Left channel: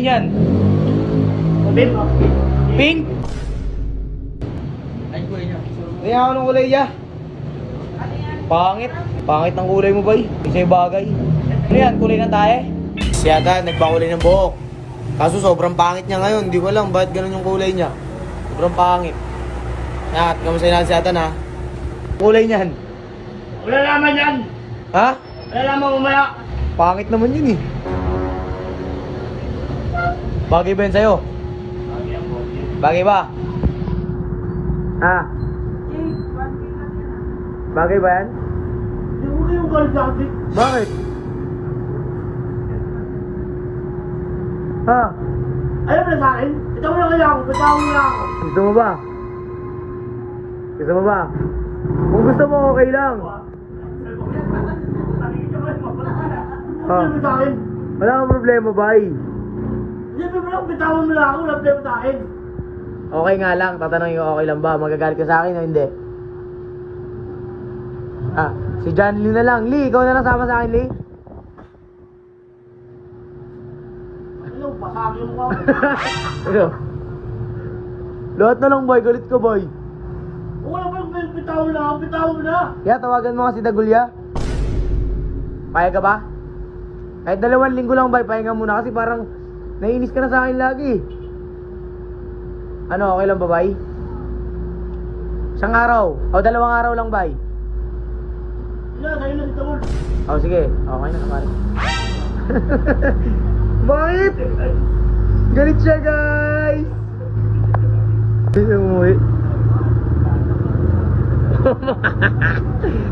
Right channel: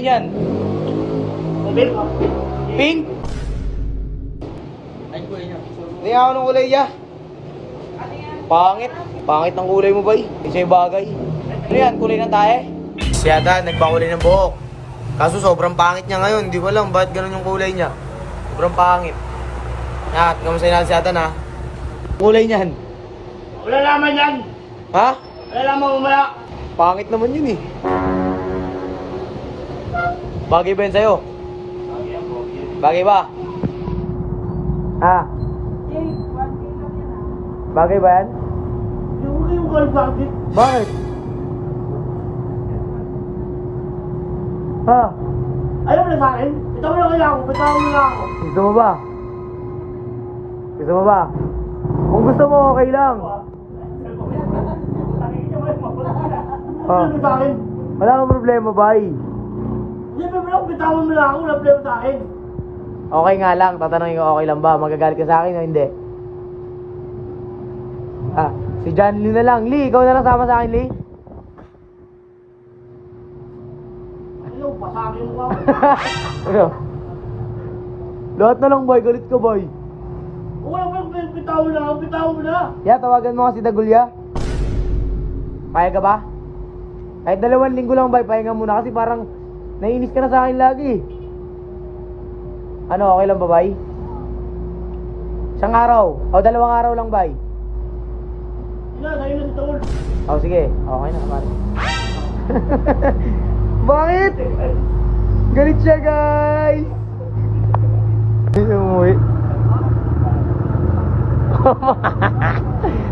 Yan. Pink? Pink? Ay, kulay niya. Hindi ako ng kulay niya. Pangit. Pangit ng kulay mo, bay. Hindi sa'yo bagay. Ano yan? Kulay ng tae? Siya dad, nagpakulay ng buhok. Kaso sobrang pangit niya ngayon. Hindi ko alam bakit ganun yung kulay niya. Sobrang pangit. Yan, kamusta natin si Atan ha? Kulay niyan. Wala naman yan. Ha? Wala naman umaya. Pangit naman yun eh. Bagay ba yan sa'yo? Bagay ba? Ha? Bagay ba yan? Yung kayong gold bakit? Bakit? Ha? Alam mo na sa akin? Ito mo na kaya ako. Bitaw mo na ako. Gusto mo ba? Gusto mo ba? Kung gusto mo, okay lang. Ha? Ano sa akin? Wala kang problema, bay. Siyempre mo lang, bitawan mo na ako. Wala problema sa akin. Okay nga lang, tatanungin ko okay lang ba? Magagalit ka sa akin o hindi? Ah, si John Lee na lang. Lee, ikaw na lang sama sa akin, Lee. Ano, pasakin mo ako. Ano? Lahat na lang, boy. Galit ka, boy. Wala pa yung bitawan mo na ako. Bitawan mo na. Yeah, tawagan mo nga si Dagulya. Payag ka ba? Kahit 2 linggo lang, bay. Pahinga muna kasi parang naiinis ka na sa akin lagi. Ano, okay lang ba, bay? Isang araw. O, 2 araw lang, bay. Yan, sa'yo na si Tawol. O, sige. Okay na naman. Bakit? Galit siya, guys. Hindi umuwi.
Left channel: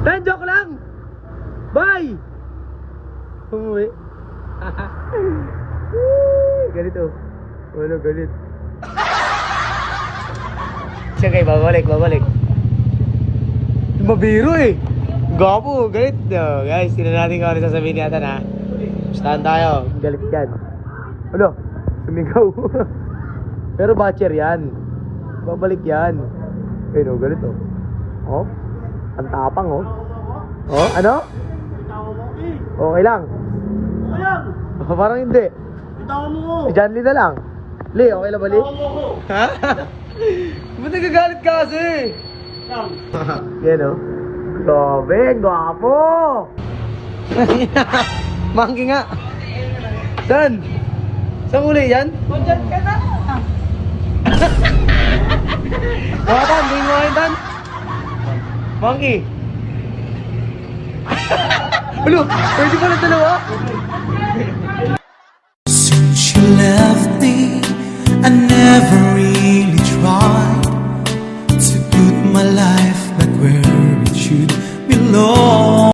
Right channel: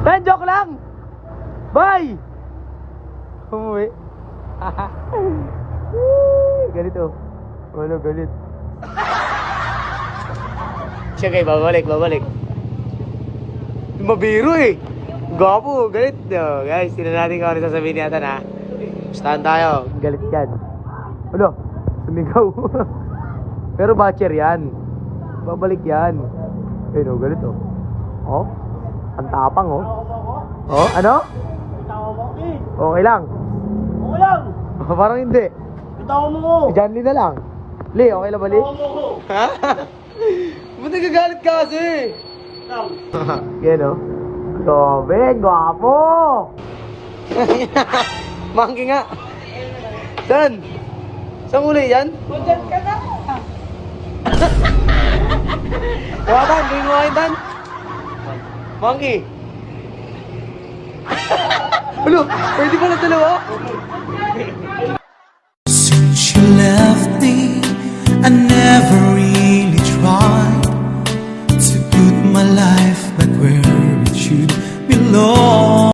Tan, joke lang. Bye. Umuwi. Galit oh. Wala, galit. Sige, babalik. Mabiro eh. Gwapo, galit. Oh, guys, sila natin kung ano sasabihin ni Atan ha. Pustahan tayo. Galit yan. Ano? Sumigaw. Pero batcher yan. Babalik yan. Pero galit oh. Oh? Ang tapang oh. Oh, ano? Bitawan mo ako eh. Okay lang. Oo lang. Parang hindi. Bitawan mo ko. Si John Lee na lang. Lee, okay lang ba, Lee? Bitawan mo ko. Ha? Ba't nagagalit ka kasi? Lang. Yan oh. Grabe, gwapo! Monkey nga. Saan? Saan kulay yan? Bakit? Hindi mo kain tan? Monkey. Ano? Pwede ko na dalawa? Since you left me, I never really tried